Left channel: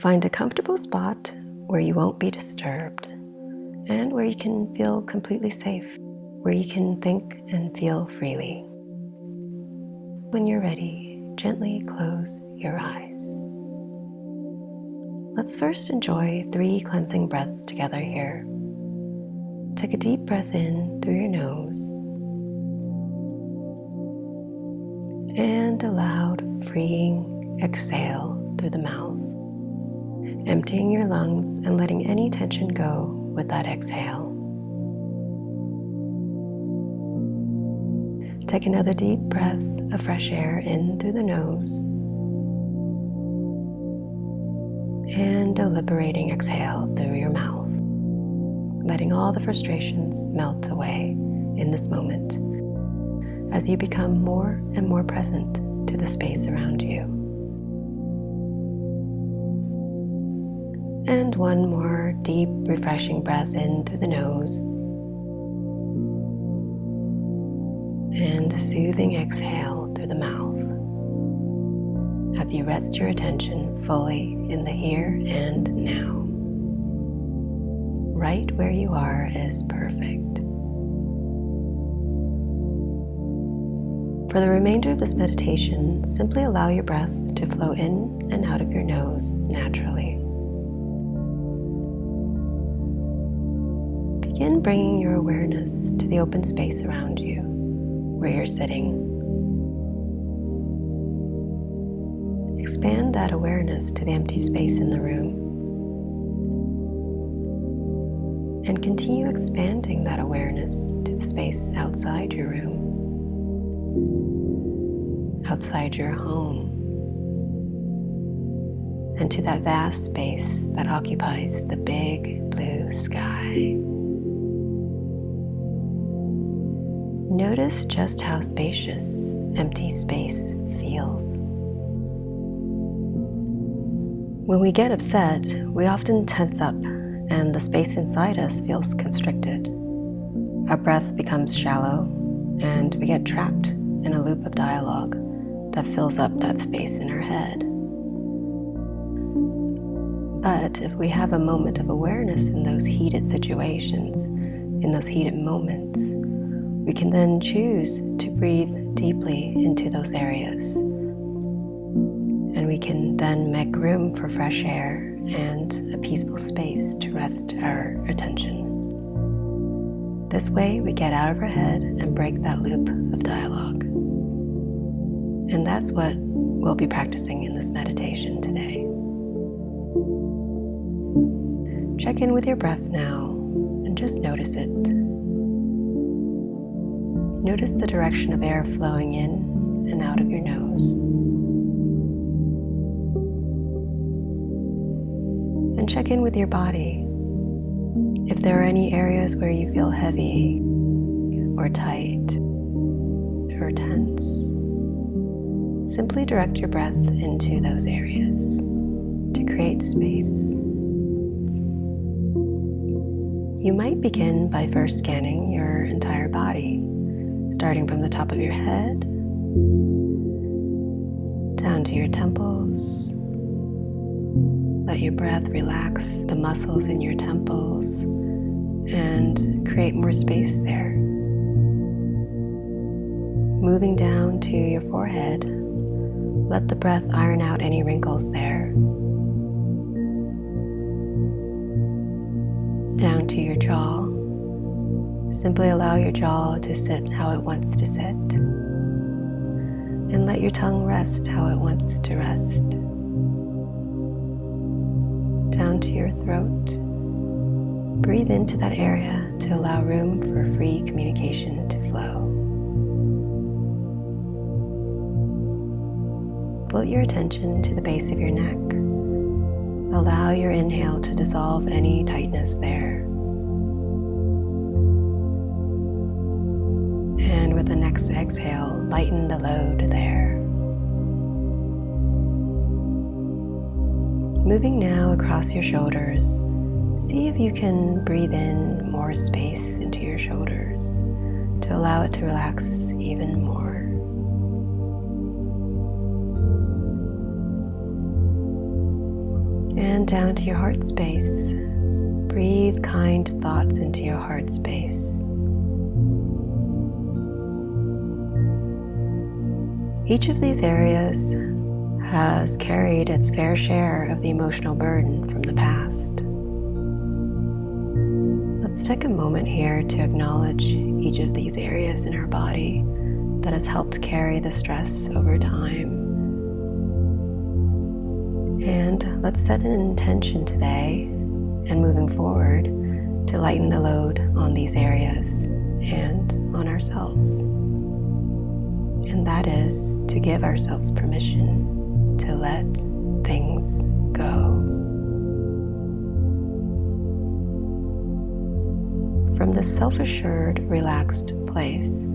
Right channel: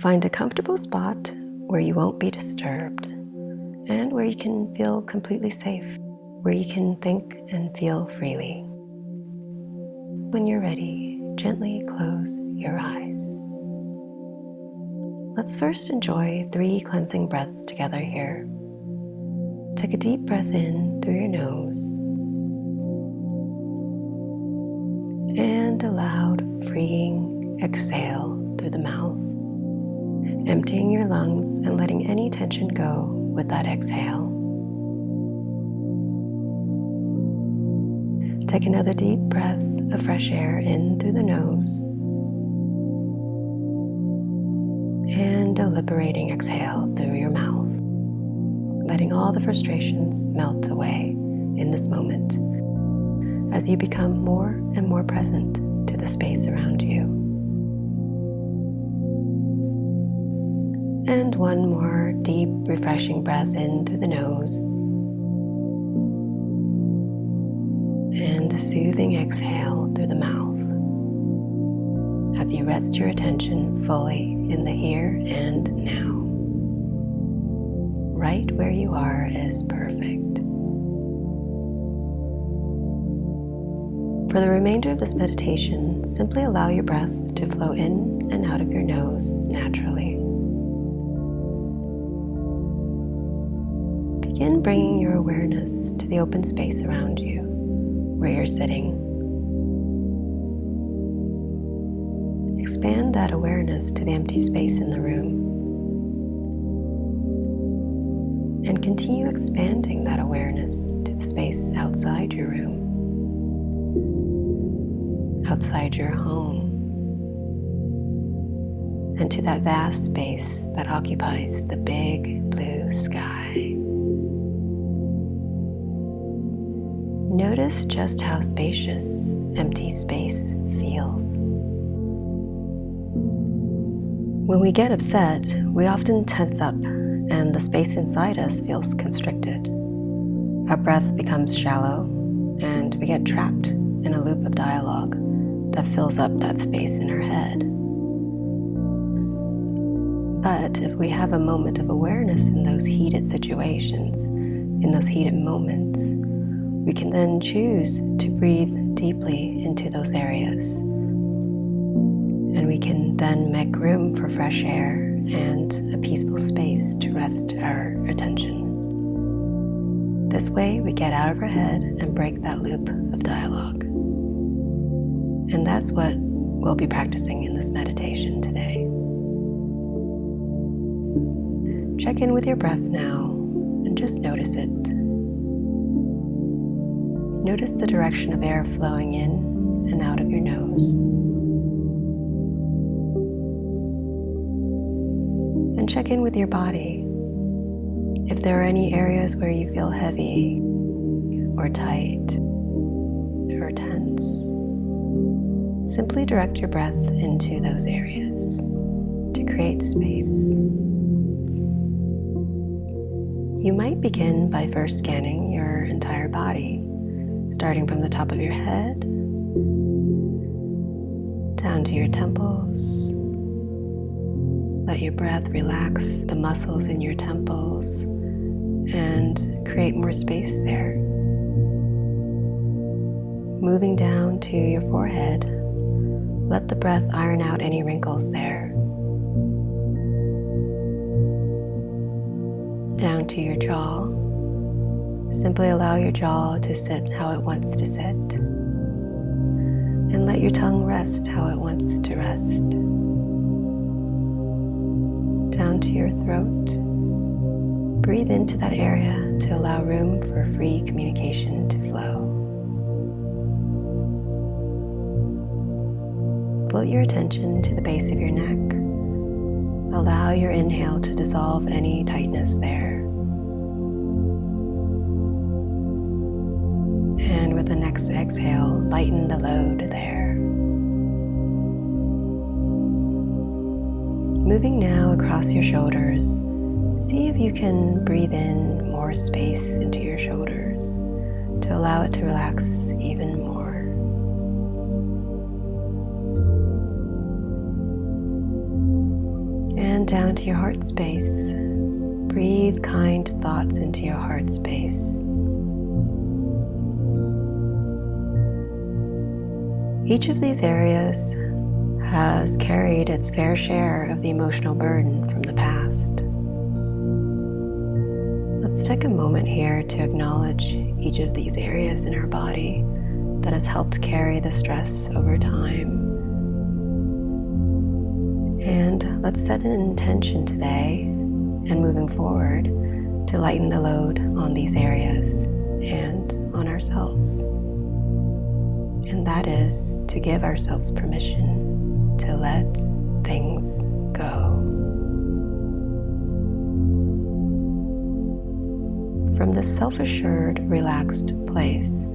Find a comfortable spot where you won't be disturbed and where you can feel completely safe, where you can think and feel freely. When you're ready, gently close your eyes. Let's first enjoy 3 cleansing breaths together here. Take a deep breath in through your nose and a loud, freeing exhale through the mouth, emptying your lungs and letting any tension go with that exhale. Take another deep breath of fresh air in through the nose and a liberating exhale through your mouth, letting all the frustrations melt away in this moment as you become more and more present to the space around you. And one more deep, refreshing breath in through the nose and a soothing exhale through the mouth as you rest your attention fully in the here and now. Right where you are is perfect. For the remainder of this meditation, simply allow your breath to flow in and out of your nose naturally. Begin bringing your awareness to the open space around you, where you're sitting. Expand that awareness to the empty space in the room. And continue expanding that awareness to the space outside your room, outside your home, and to that vast space that occupies the big blue sky. Notice just how spacious empty space feels. When we get upset, we often tense up and the space inside us feels constricted. Our breath becomes shallow and we get trapped in a loop of dialogue that fills up that space in our head. But if we have a moment of awareness in those heated situations, in those heated moments, we can then choose to breathe deeply into those areas. And we can then make room for fresh air and a peaceful space to rest our attention. This way, we get out of our head and break that loop of dialogue. And that's what we'll be practicing in this meditation today. Check in with your breath now and just notice it. Notice the direction of air flowing in and out of your nose. And check in with your body. If there are any areas where you feel heavy or tight or tense, simply direct your breath into those areas to create space. You might begin by first scanning your entire body, starting from the top of your head down to your temples. Let your breath relax the muscles in your temples and create more space there. Moving down to your forehead, let the breath iron out any wrinkles there. Down to your jaw, simply allow your jaw to sit how it wants to sit, and let your tongue rest how it wants to rest. Down to your throat. Breathe into that area to allow room for free communication to flow. Float your attention to the base of your neck. Allow your inhale to dissolve any tightness there. And with the next exhale, lighten the load there. Moving now across your shoulders, see if you can breathe in more space into your shoulders to allow it to relax even more. and down to your heart space. Breathe kind thoughts into your heart space. Each of these areas has carried its fair share of the emotional burden from the past. Let's take a moment here to acknowledge each of these areas in our body that has helped carry the stress over time. And let's set an intention today and moving forward to lighten the load on these areas and on ourselves. And that is to give ourselves permission to let things go. From this self-assured, relaxed place,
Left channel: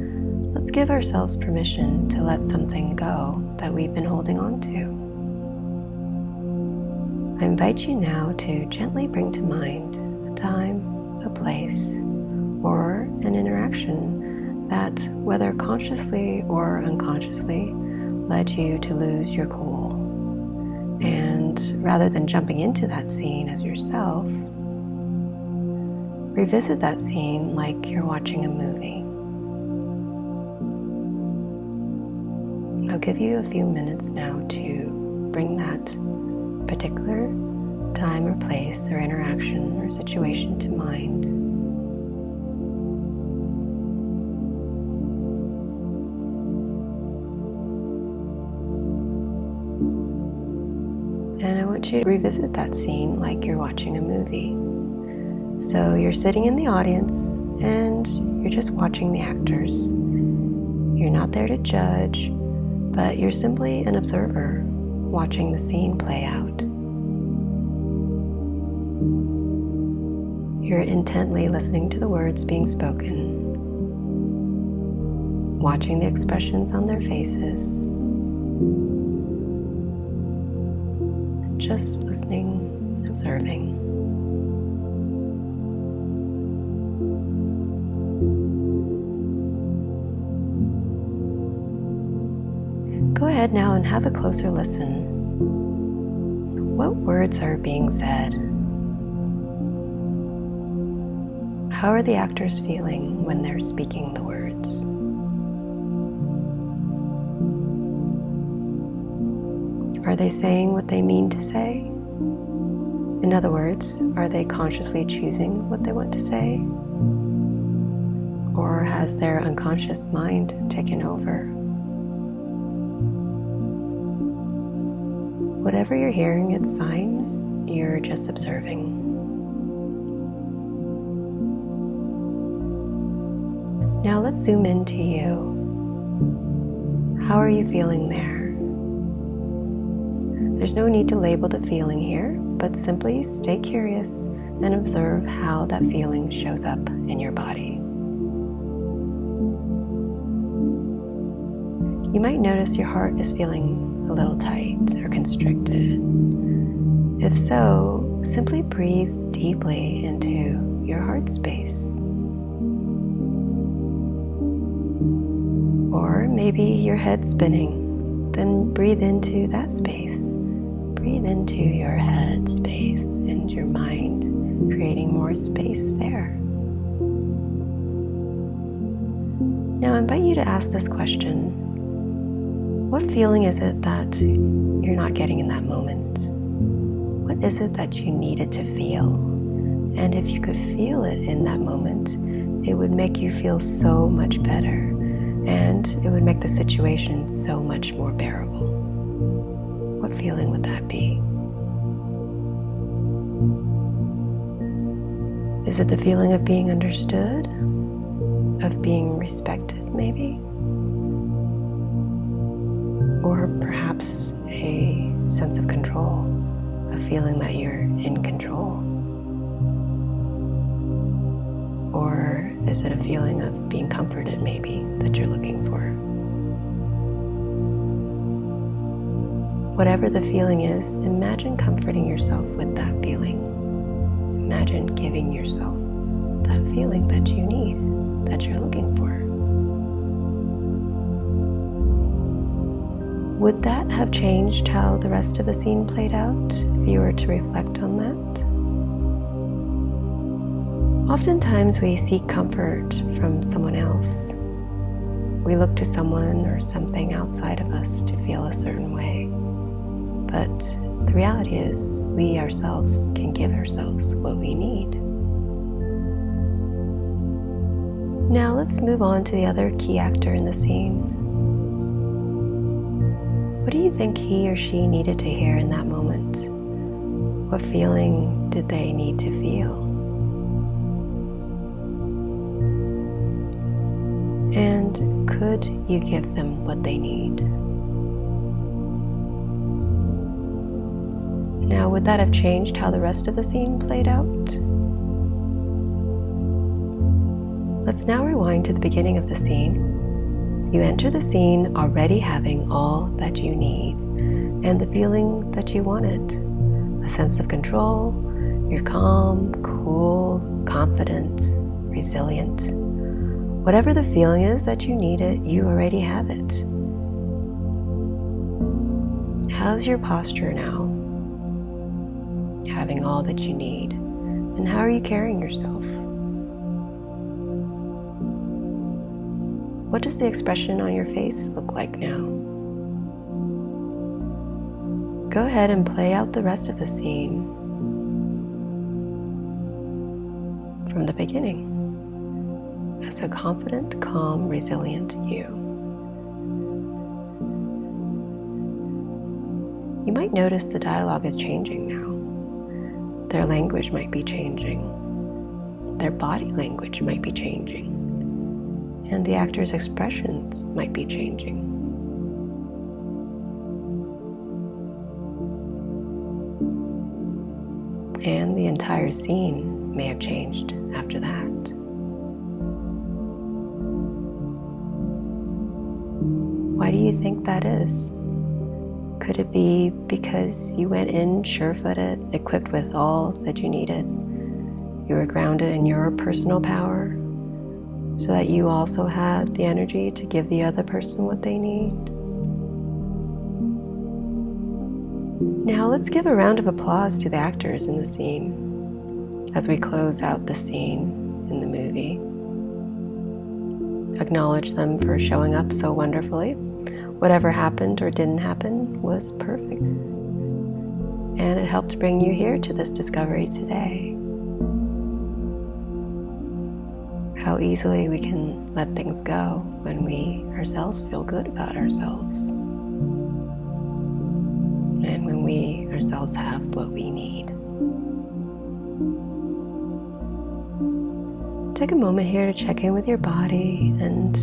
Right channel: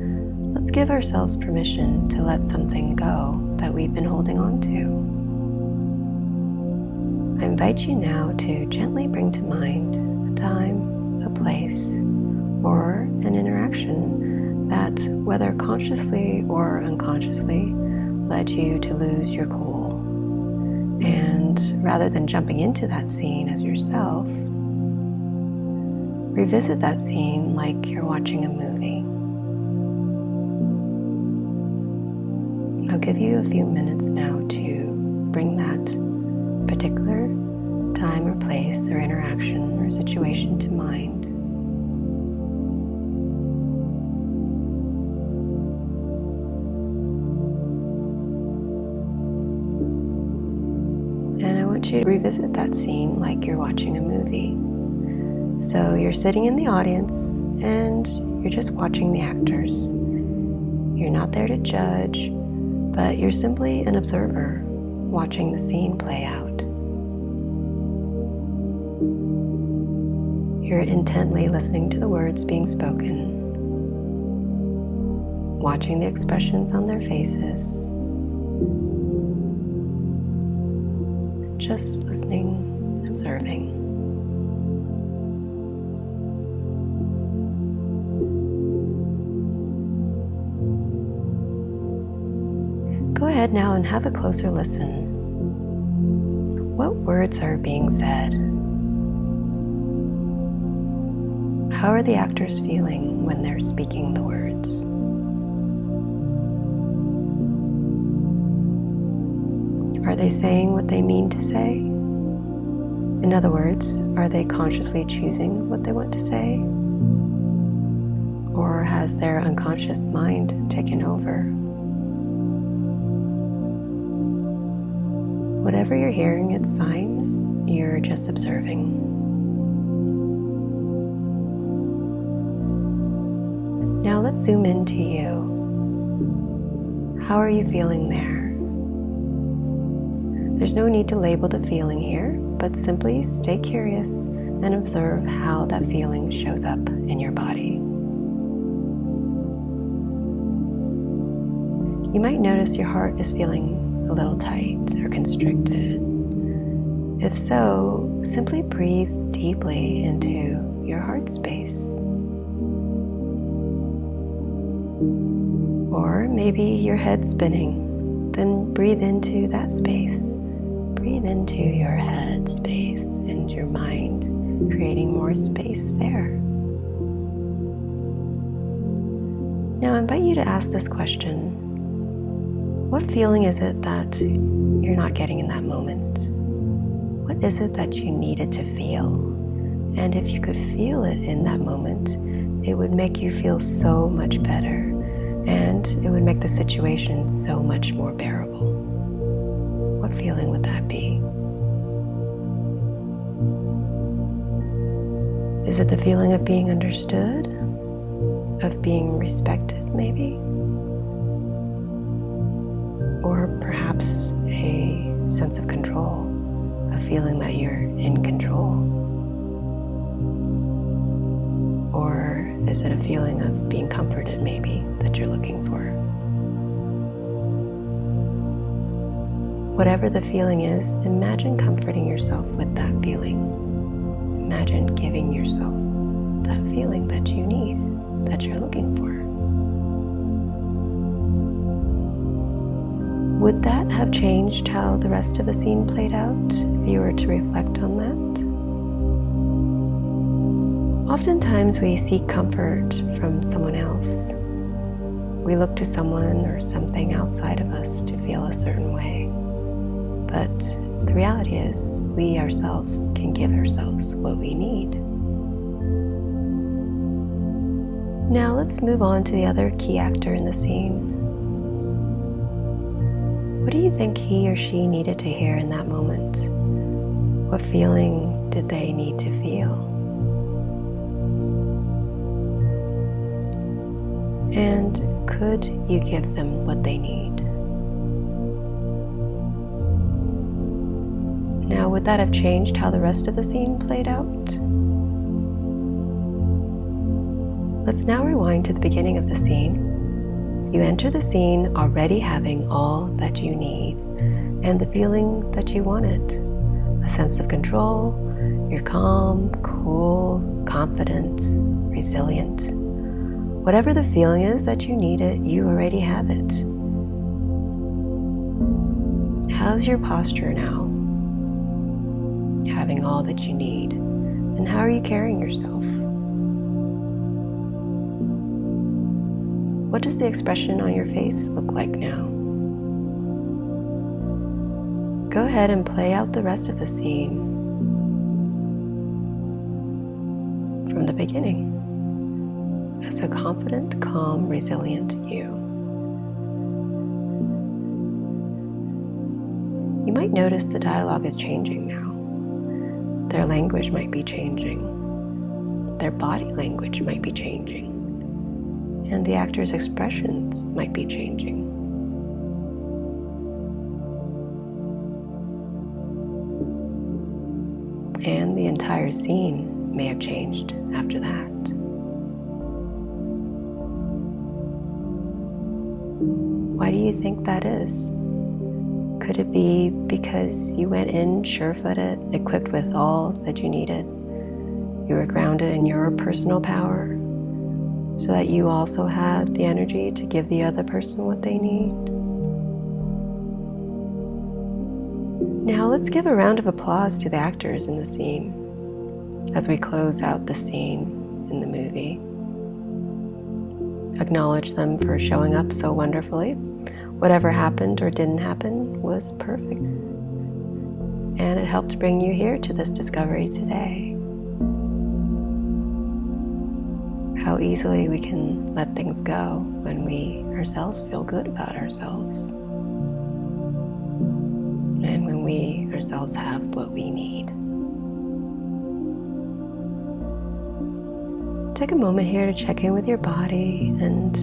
let's give ourselves permission to let something go that we've been holding on to. I invite you now to gently bring to mind a time, a place, or an interaction that, whether consciously or unconsciously, led you to lose your cool. And rather than jumping into that scene as yourself, revisit that scene like you're watching a movie. I'll give you a few minutes now to bring that particular time or place or interaction or situation to mind. And I want you to revisit that scene like you're watching a movie. So you're sitting in the audience and you're just watching the actors. You're not there to judge, but you're simply an observer watching the scene play out. You're intently listening to the words being spoken, watching the expressions on their faces, just listening, observing. Go ahead now and have a closer listen. What words are being said? How are the actors feeling when they're speaking the words? Are they saying what they mean to say? In other words, are they consciously choosing what they want to say? Or has their unconscious mind taken over? Whatever you're hearing, it's fine. You're just observing. Now let's zoom into you. How are you feeling there? There's no need to label the feeling here, but simply stay curious and observe how that feeling shows up in your body. You might notice your heart is feeling a little tight or constricted. If so, simply breathe deeply into your heart space. Or maybe your head's spinning, then breathe into that space. Breathe into your head space and your mind, creating more space there. Now I invite you to ask this question. What feeling is it that you're not getting in that moment? What is it that you needed to feel? And if you could feel it in that moment, it would make you feel so much better, and it would make the situation so much more bearable. What feeling would that be? Is it the feeling of being understood? Of being respected, maybe? Or perhaps a sense of control, a feeling that you're in control? Or is it a feeling of being comforted, maybe, that you're looking for? Whatever the feeling is, imagine comforting yourself with that feeling. Imagine giving yourself that feeling that you need, that you're looking for. Would that have changed how the rest of the scene played out if you were to reflect on that? Oftentimes we seek comfort from someone else. We look to someone or something outside of us to feel a certain way. But the reality is, we ourselves can give ourselves what we need. Now let's move on to the other key actor in the scene. What do you think he or she needed to hear in that moment? What feeling did they need to feel? And could you give them what they need? Now, would that have changed how the rest of the scene played out? Let's now rewind to the beginning of the scene. You enter the scene already having all that you need and the feeling that you wanted. A sense of control. You're calm, cool, confident, resilient. Whatever the feeling is that you need it, you already have it. How's your posture now? Having all that you need. And how are you carrying yourself? What does the expression on your face look like now? Go ahead and play out the rest of the scene from the beginning as a confident, calm, resilient you. You might notice the dialogue is changing now. Their language might be changing. Their body language might be changing. And the actor's expressions might be changing. And the entire scene may have changed after that. Why do you think that is? Could it be because you went in sure-footed, equipped with all that you needed? You were grounded in your personal power, so that you also had the energy to give the other person what they need? Now let's give a round of applause to the actors in the scene as we close out the scene in the movie. Acknowledge them for showing up so wonderfully. Whatever happened or didn't happen was perfect. And it helped bring you here to this discovery today. How easily we can let things go when we ourselves feel good about ourselves. And when we ourselves have what we need. Take a moment here to check in with your body and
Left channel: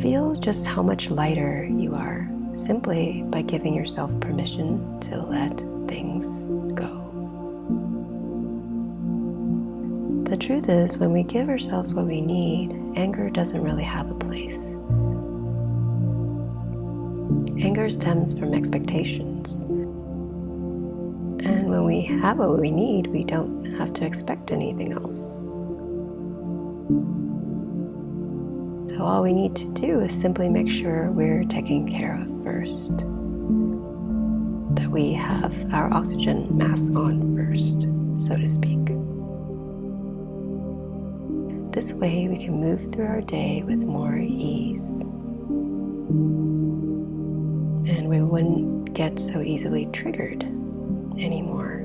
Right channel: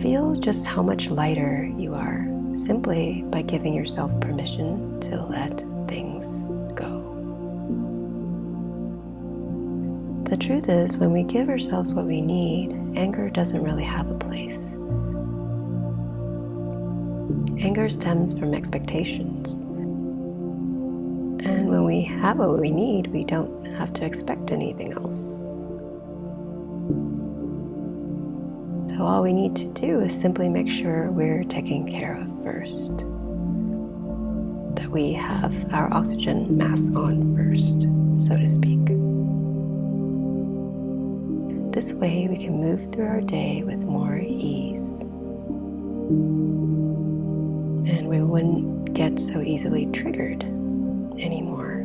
feel just how much lighter you are simply by giving yourself permission to let things go. The truth is, when we give ourselves what we need, anger doesn't really have a place. Anger stems from expectations. And when we have what we need, we don't have to expect anything else. So all we need to do is simply make sure we're taken care of first. That we have our oxygen mask on first, so to speak. This way we can move through our day with more ease. And we wouldn't get so easily triggered anymore.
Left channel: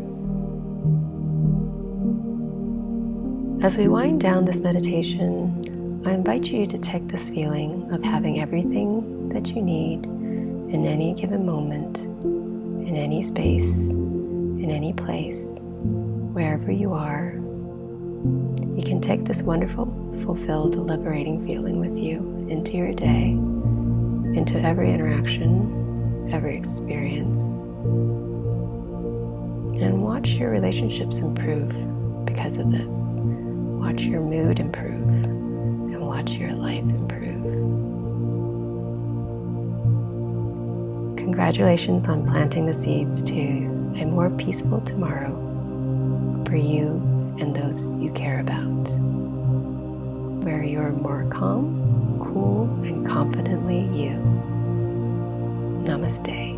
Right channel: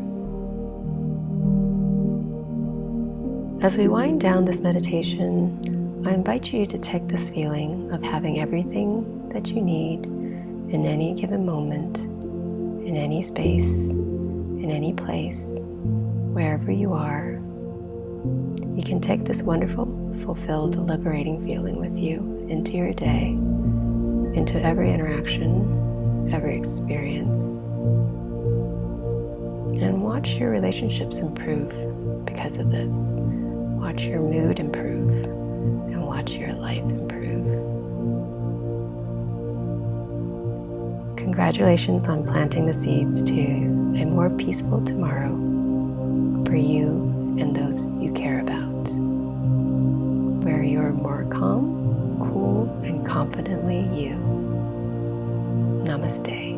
As we wind down this meditation, I invite you to take this feeling of having everything that you need in any given moment, in any space, in any place, wherever you are. You can take this wonderful, fulfilled, liberating feeling with you into your day, into every interaction, every experience, and watch your relationships improve because of this. Watch your mood improve. Watch your life improve. Congratulations on planting the seeds to a more peaceful tomorrow for you and those you care about, where you're more calm, cool, and confidently you. Namaste.